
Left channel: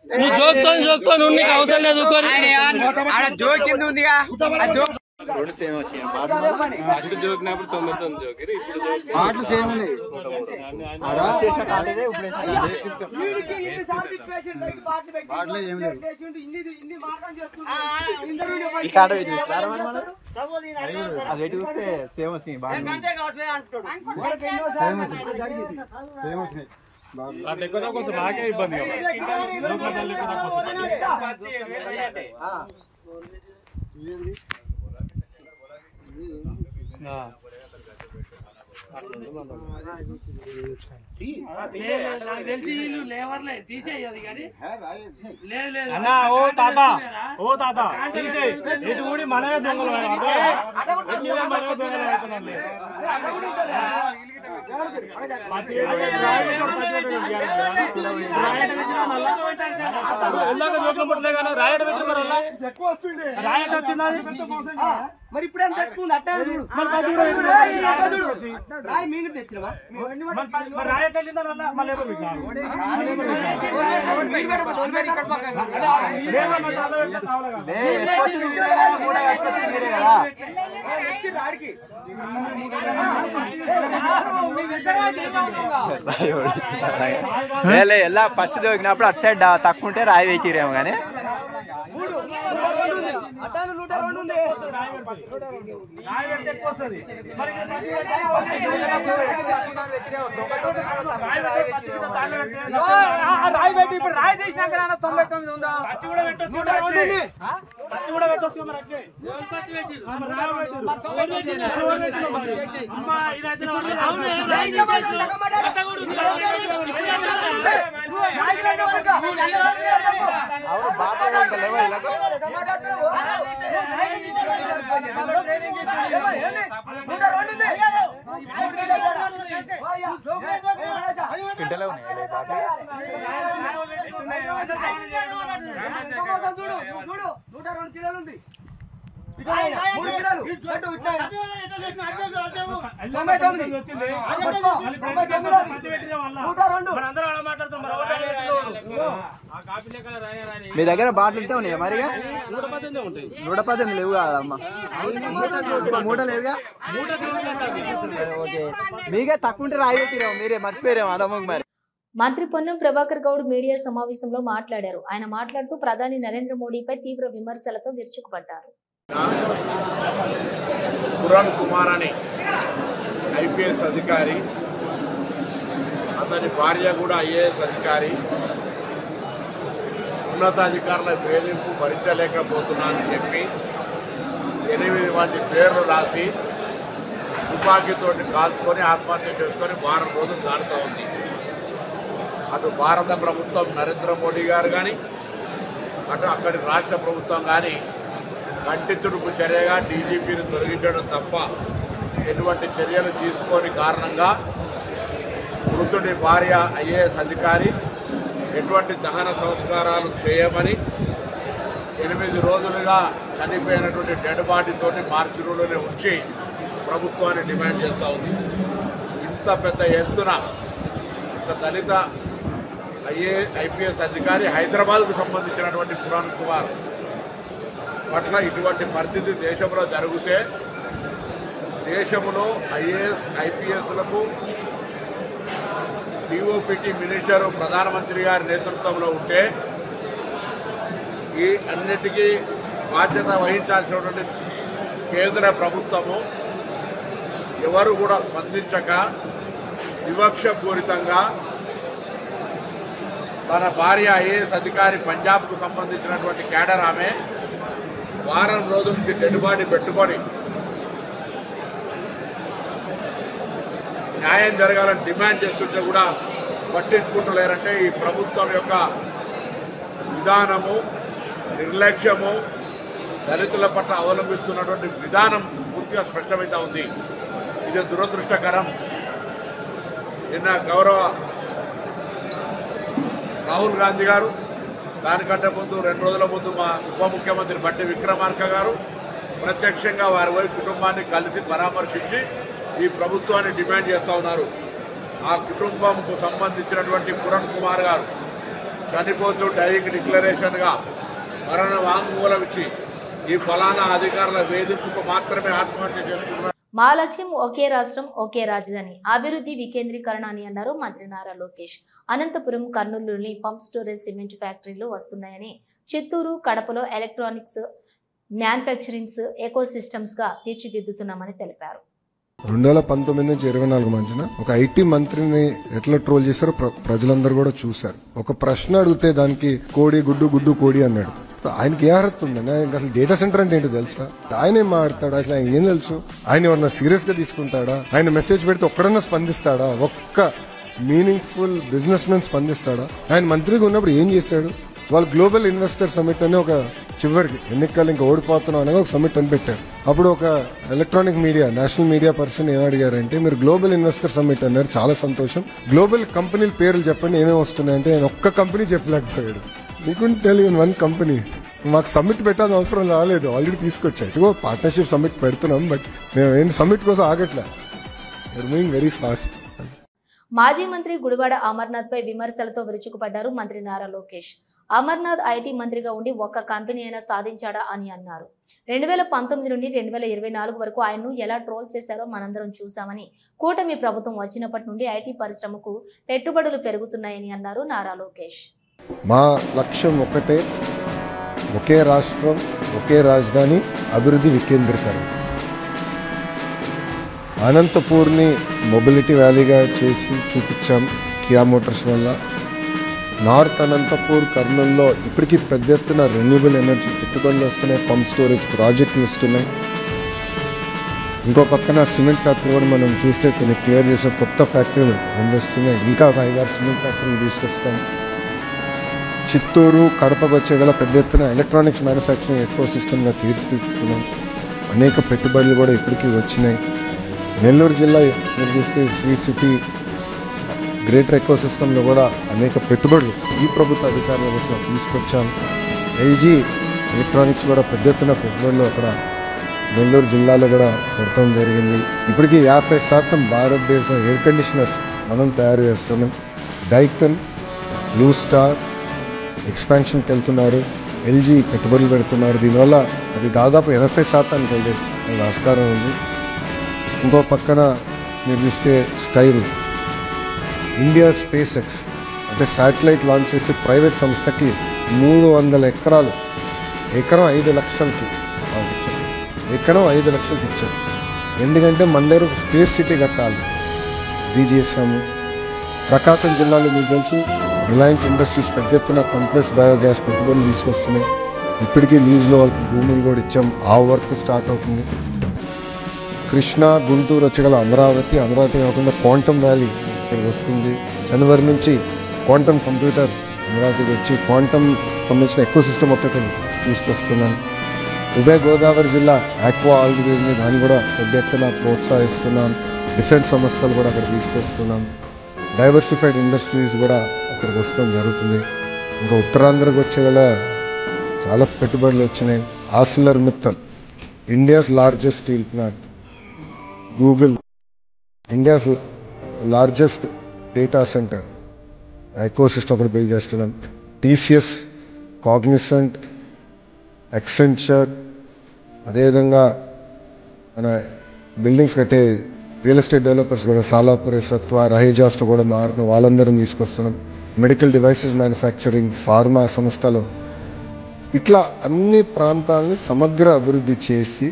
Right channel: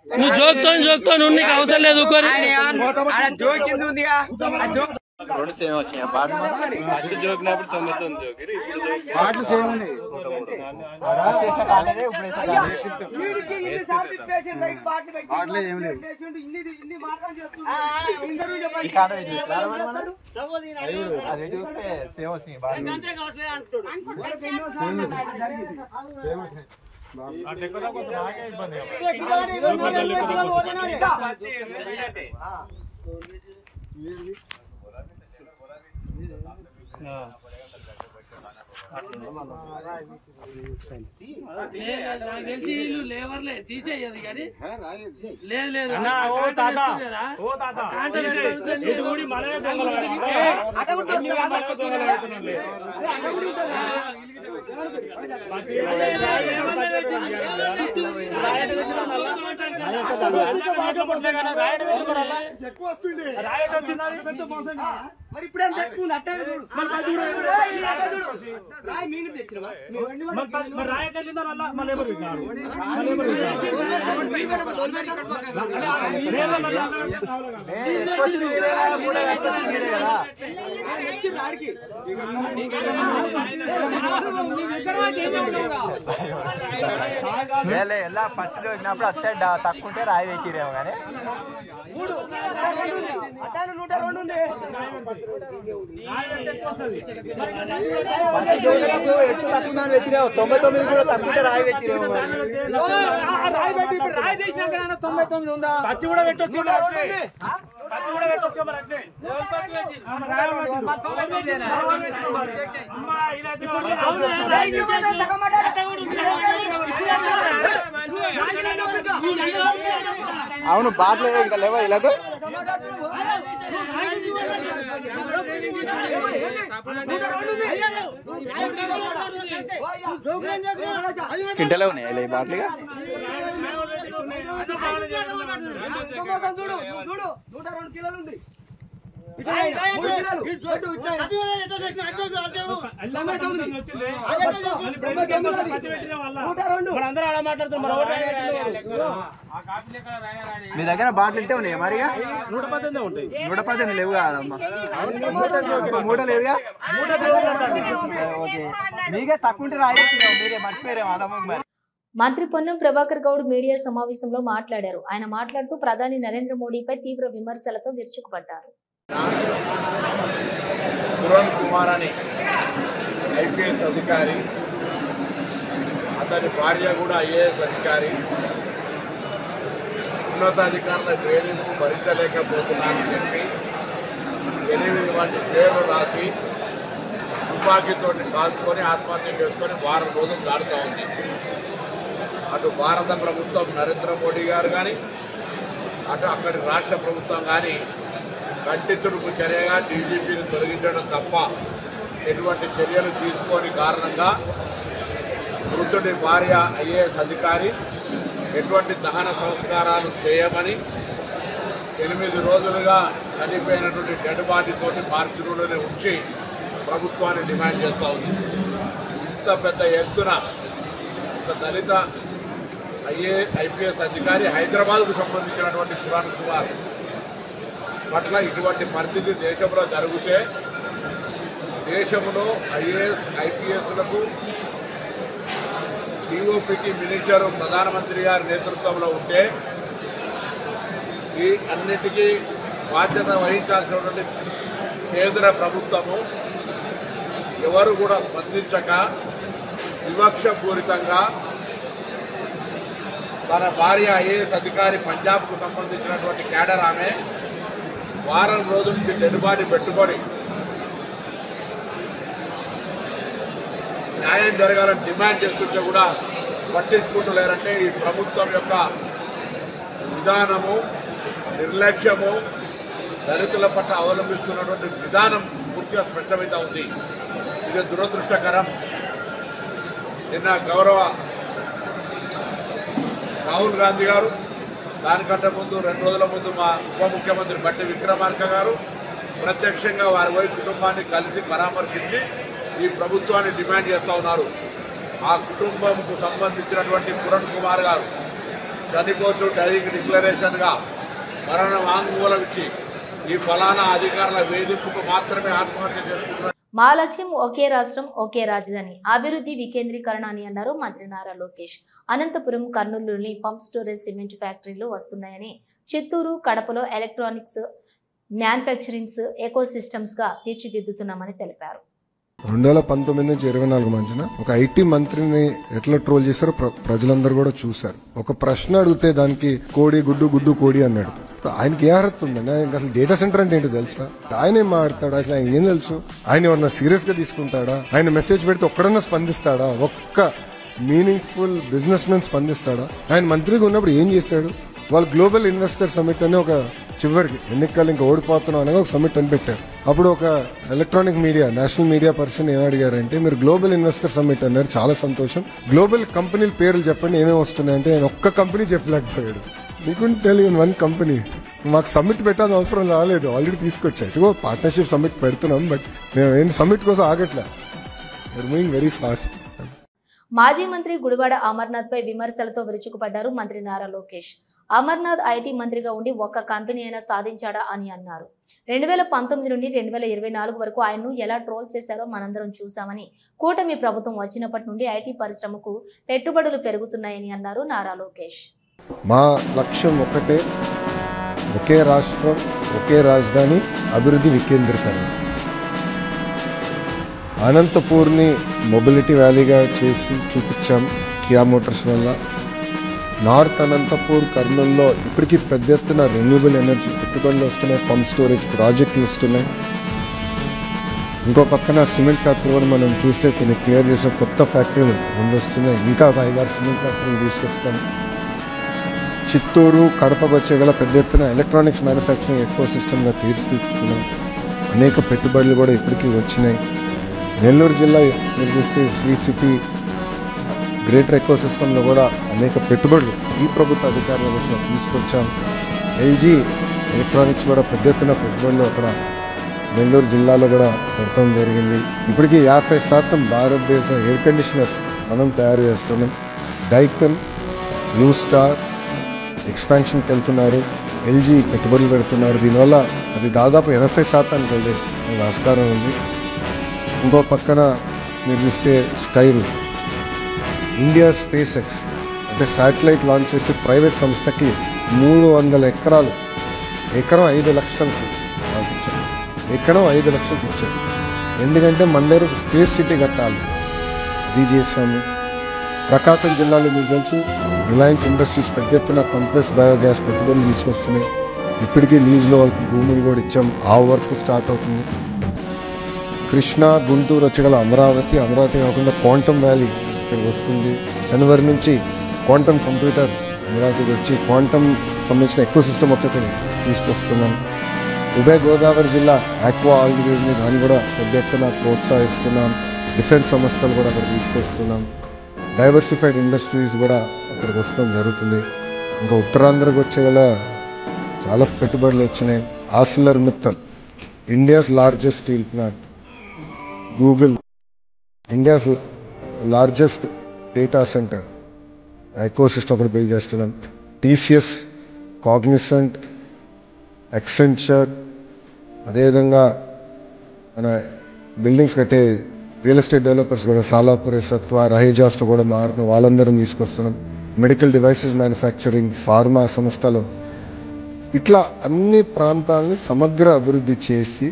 నువ్వు జోక్తో నువ్వు నీకు అవసరం లేదు రెండు సేమ్ వచ్చినాయి పాటలు జోకినప్పుడు 99 జోకిరు ఇప్పుడు పాటలు సేమ్ ఉన్నాయి పాటలు ఏం లేవు ఈ కాట అది చూస్తే సేమ్ వచ్చినాయి కోసం ఆగే ఇబ్బంది తెలిసి లేవర్లే తీసేయదు కానీ లేదు లేదు మనమే రాయట్ వచ్చింది పెద్ద మోసంగా మరి ఇప్పుడేం తెచ్చుకుంది అట్టే రాయి మీరు తెచ్చినమా రాయట్ వెళ్ళిందా మళ్ళీ ఎలా ఫస్ట్ దొరికినప్పుడు అటు సైడ్ తక్కువ ఉంటే రాయి వేకిరేమో కానీ రాయి చేసినాక 99 ఉందా పత్తి కూడా పెట్టొచ్చు పత్తి కూడా పెట్టొచ్చు మరి అట్లే అవును బాగా ఇంకా లేవా ఇలాగో కింటలో ఉన్నాయి బాగా మీ దగ్గర బాటిల్ ఇంటే ఉన్నాయా మరిగా 118 లేవు కాదమ్మా మూట లేవుగా ఓకే మీకే తక్కువ ఉంటే రాయి మీరే మర్చిపోయారేమో అదమ్మ మరి. మంత్రి పొన్నం ప్రభాకర్ గౌడ్ మీడియా సమావేశంలో మాట్లాడారు. ఆయన మాట్లాడుతూ ప్రధాని నరేంద్ర మోడీపై తీవ్ర విమర్శలతో విరుచుకుపడ్డారు. పురాణ్ కుమార్ అని ఐపీఎస్ అధికారి, అతని భార్య కూడా ఐఏఎస్ అధికారి, ఉన్నతాధికారుల వేధింపు భరించలేకపోతున్నానని చెప్పి 8 మంది పేర్లు రాసి తుపాకీతోటి కాల్చుకొని ఆత్మహత్య చేసుకొని వారం రోజులు దాడుతూ ఉంది. అటు భారత ప్రభుత్వం నరేంద్ర మోడీ గారు కానీ అటు అక్కడి రాష్ట్ర ప్రభుత్వం కానీ కంటి తుడుపు చర్యగా డీజీపీని తొలగించడం తప్ప ఎటువంటి చర్యలు తీసుకోని కారణంగా మృతుడి భార్య ఐఏఎస్ అధికారి ఎటువంటి దహన సంస్కారాలు చేయమని 8 రోజులుగా చనిపోయినటువంటి డెడ్ బాడీతోటి మార్చి రూమ్లోనే ఉంచి ప్రభుత్వాన్ని డిమాండ్ చేస్తూ ఉంది. ఇంత పెద్ద ఎత్తున ఒక దళిత ఐపీఎస్ అధికారి హైదరాబాద్కు సంబంధించినటువంటి పురాణ్ కుమార్ పట్ల ఇటువంటి పరిస్థితి దేశంలో జరిగితే దేశంలో ఐఏఎస్ ఐపీఎస్లకు డిఓపిటి మినిస్టరు ప్రధానమంత్రి గారి నేతృత్వంలో ఉంటే ఈ అన్నిటికీ బాధ్యత వహించాల్సినటువంటి కేంద్ర ప్రభుత్వము ఎవరు కూడా స్పందించక వివక్షపూరితంగా తన భార్య ఐఏఎస్ అధికారి పంజాబ్కు సంబంధించినటువంటి క్యాడర్ ఆమె వారం రోజుల నుంచి డెడ్ బాడీ పెట్టుకొని న్యాయం జరగాలని డిమాండ్ చేస్తుంటే కూడా పట్టించుకుంటలేరంటే ఈ ప్రభుత్వం యొక్క విధానము, నిర్లక్ష్యము, దళితుల పట్ల అవలంబిస్తున్నటువంటి విధానం పూర్తిగా స్పష్టమవుతా ఉంది. ఇది దురదృష్టకరం. నిన్న గౌరవ రాహుల్ గాంధీ గారు, దానికంటే ముందు 2 రోజుల ముందు మా ఉప ముఖ్యమంత్రి బట్టి విక్రమార్క గారు ప్రత్యక్షంగా వారి వైపు కుటుంబాన్ని కలిసి పరామర్శించి ఈ ప్రభుత్వాన్ని డిమాండ్ చేస్తూ ఉన్నారు. ఆ కుటుంబంకు సంబంధించినటువంటి పురణ్ కుమార్ గారు చనిపోతూ డైయింగ్ డిక్లరేషన్గా మరణ వాంగ్మూలం ఇచ్చి ఈ ఫలానా అధికారుల వేధింపుకు మాత్రమే ఆత్మహత్య చేసుకుంటున్నారు. మా లక్ష్యం ఒకే రాష్ట్రం ఒకే రాజధాని, అభివృద్ధి వికేంద్రీకరణ అని అన్నారు మంత్రి నారా లోకేష్. అనంతపురం, కర్నూలులోని పంప్ స్టోరేజ్ సిమెంట్ ఫ్యాక్టరీలు వస్తున్నాయని, చిత్తూరు, కడపలో ఎలక్ట్రానిక్స్ మ్యానుఫ్యాక్చరింగ్స్ ఎకోసిస్టమ్స్ గా తీర్చిదిద్దుతున్నామని తెలిపారు. 2019 నుంచి 24 మధ్యన ఒక ఐటీ మంత్రిని ఎట్లా ట్రోల్ చేశారో ప్రజలందరూ కూడా చూశారు. ఒక ప్రశ్న అడిగితే దానికి కోడి గుడ్డు గుడ్డు కోడి అన్నాడు. ఆయనకి ఏ అర్హత ఉందండి? ఆయనకి అసలు డేటా సెంటర్ అంటే ఏంటో తెలుసా? ఆయన ఏం మాట్లాడతాడు? అసలు ఆయన ఏం తెలుసు? ఆయన ఎవరన్నా సీరియస్ గా తీసుకుంటాడా? ఆయన మెసేజ్ పెడితే ఒక్కడన్నా స్పందిస్తాడా? ఒక్క మీనింగ్ఫుల్ బిజినెస్ మెన్ స్పందిస్తాడా? ఆయన మంత్రిగా ఉన్నప్పుడు ఏం చేశాడు? వాళ్ళు గ్లోబల్ ఇన్వెస్టర్ సమిట్ అని ఒక చివరికి ఎన్నికలు ఇంకా ఓడిపోతున్నాం అనగా ఒక సమిట్ అని పెట్టారు. అప్పుడు ఒక electronic media national media person ఏమడిగారంటే, మీరు గ్లోబల్ ఇన్వెస్టర్ సమిట్ అన్నారు, చాలా సంతోషం, గ్లోబల్ కంపెనీల పేర్లు చెప్పండి ఏమేమి వస్తున్నాయంటే ఆయన ఒక్క కంపెనీ చెప్పలేకపోయాడు. మీకుంటే తెలియని వన్ కంపెనీ. మాకు సమ్మిట్ పెట్టాల్సిన అవసరం రాలేదు, ఆల్రెడీ తీసుకొచ్చాయి. ఇదిగో పార్ట్నర్షిప్ సమ్మిట్ పెడుతున్నాం, బట్ మేము ఏం సమ్మిట్ కోసం ఆగట్లే, యూఆర్ మూవింగ్ వెరీ ఫాస్ట్. మాజీ మంత్రి గుడివాడ అమర్నాథ్ పై విమర్శలతో విరుచుకుపడ్డారు మంత్రి నారా లోకేష్. అమర్నాథ్ ఐటీ మంత్రిగా ఉండి ఒక్క కంపెనీ అయినా సాధించాడా అని అన్నారు. 2019 నుండి 2024 వరకు ఆయన్ను ఎలా ట్రోల్ చేశారో మనందరం చూశామని, కూటమి ప్రభుత్వం వచ్చినప్పటి నుండి ఐటీ పరిశ్రమకు పెట్టుబడులు పెరుగుతున్నాయని అన్నారు నారా లోకేష్. మా లక్ష్యం ఒకటే, ఒకే రాష్ట్రం ఒకే రాజధాని, అభివృద్ధి వికేంద్రీకరణ. అనంతపూర్ని మొబిలిటీ వ్యాలీగా చేసి చూపించాం కియా మోటార్స్ వల్ల. నార్త్ అనంతపూర్, కర్నూలులో ఇప్పటికీ పెద్ద ఎత్తున రెన్యూబుల్ ఎనర్జీ పెట్టుబడులు వస్తున్నాయి, పంప్ స్టోరేజ్ ప్రాజెక్టులు వస్తున్నాయి. ఇంకో పక్కన సిమెంట్ ఫ్యాక్టరీ కూడా మనం చూస్తే కొన్ని క్లియర్ చేసే కొత్త ఫ్యాక్టరీలు వస్తున్నాయి. ఇంకా 5-6 సిమెంట్ ఫ్యాక్టరీలు తీసుకొస్తాం. చిత్తూరు, కడపకు వచ్చే పెద్ద ఎత్తున ఎలక్ట్రానిక్స్ మ్యానుఫ్యాక్చరింగ్ ఎకో సిస్టమ్గా తీర్చిదిద్దుతున్నాం. అనేక పెట్టుబడులు కూడా ఇప్పటికీ వచ్చినాయి. నెల్లూరు జిల్లా మీరు చూస్తే శ్రీ సిటీ గ్రేటర్ ఎకో సిస్టంలో కూడా అనేక పెట్టుబడులు ఈ ప్రభుత్వ అధికారుల వచ్చిన తీసుకొచ్చాం. ఎల్జీ ఎలక్ట్రానిక్స్ కూడా పెద్ద ఎత్తున పెట్టుబడులు అక్కడ నెల్లూరు జిల్లాలో కూడా పెడతాం జరిగింది. ఇప్పటికీ 50% భారతదేశ ఎయిర్ కండిషనర్స్ మనం తయారు చేస్తున్నాం. డైకన్, బ్లూ స్టార్ ఎక్స్పాన్షన్కి వెళ్తున్నారు, ఎల్జీ పెట్టుబడులు పెడుతున్నారు. దీనివల్ల అది దాదాపు 80% వెళ్ళే ఆస్కారం ఉంది. ఇంకో పక్కన మీరు చూస్తే స్కైరు, ఇండియా స్పేస్ ఎక్స్ అంటే శాటిలైట్ లాంచ్ చేసి ప్రైవేట్ సంస్థకి 300 ఎకరాలు, ఎకరం 5 లక్షలకి ఇచ్చారు. ఎకరం 5 లక్షలకి ఇచ్చారు. ఎందుకంటే మన దగ్గర ఒక స్పేస్ సిటీ కట్టాలి, అది చేసాము. ప్రకాశం జిల్లాలో మీకు తెలుసు రిలయన్స్ ఇండస్ట్రీస్ పెద్ద ఎత్తున కంప్రెస్ బయోగ్యాస్ పెట్టుబడులు తీసుకొస్తున్నాయి. ఇప్పటికీ లీజ్లో వాళ్ళకి భూములు కూడా ఇచ్చాం, ఆ వర్క్ స్టార్ట్ అవుతుంది. కృష్ణా, గుంటూరు వచ్చగల అమరావతి కాకుండా క్వాంటమ్ వ్యాలీ ఇక్కడికి వస్తుంది. జనవరి నుంచి క్వాంటమ్ కంప్యూటర్ అమరావతికి వచ్చి క్వాంటమ్ సంబంధించిన ఎకో సిస్టమ్ ఒకటి తీసుకొస్తున్నాను. ఉభయ గోదావరి జిల్లా ఆక్వా ఆల్గరిథం దాన్ని కూడా పెద్ద ఎత్తున ప్రోత్సహిస్తున్నాం. డిఫెన్స్ సంస్థలు కూడా అక్కడ తీసుకొస్తున్నాం. డైవర్సిఫైడ్ ఇండస్ట్రీస్ కూడా అక్కడికి వస్తడం జరుగుతుంది. ఇంకా ఉత్తరాంధ్రకు వచ్చేగల చాలా పెట్టుబడులు వచ్చినాయి. Arcelor Mittal, India's largest steel plant. Google, India's largest data centre eco system ఒకటి బిల్డ్ చేస్తున్నాం. టీసీఎస్, కాగ్నిసెంట్, ఎక్సెంచర్, అదేవిధంగా మన బిల్డింగ్స్ కట్టే రియల్ ఎస్టేట్ డెవలపర్స్ కూడా సాలాపురే, సత్వా, రహేజాస్తో కూడా మారుతున్న వాళ్ళందరం తీసుకొస్తున్నాం. మెడికల్ డివైసెస్ మ్యానుఫ్యాక్చరింగ్, ఫార్మా సంస్థలు, ఇట్లా అన్ని ప్రాంతాలని సమగ్ర అభివృద్ధి చేసి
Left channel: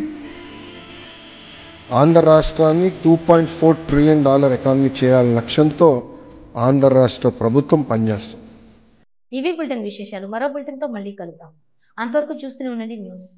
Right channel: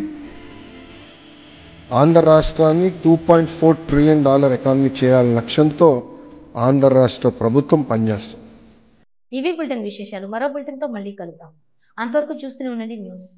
ఆంధ్ర రాష్ట్రాన్ని $2.4 ట్రిలియన్ ఎకానమీ చేయాలనే లక్ష్యంతో ఆంధ్ర రాష్ట్ర ప్రభుత్వం పనిచేస్తుంది. ఇవి బులెటిన్ విశేషాలు. మరో బులెటిన్తో మళ్ళీ కలుద్దాం. అంతవరకు చూస్తూనే ఉండండి న్యూస్.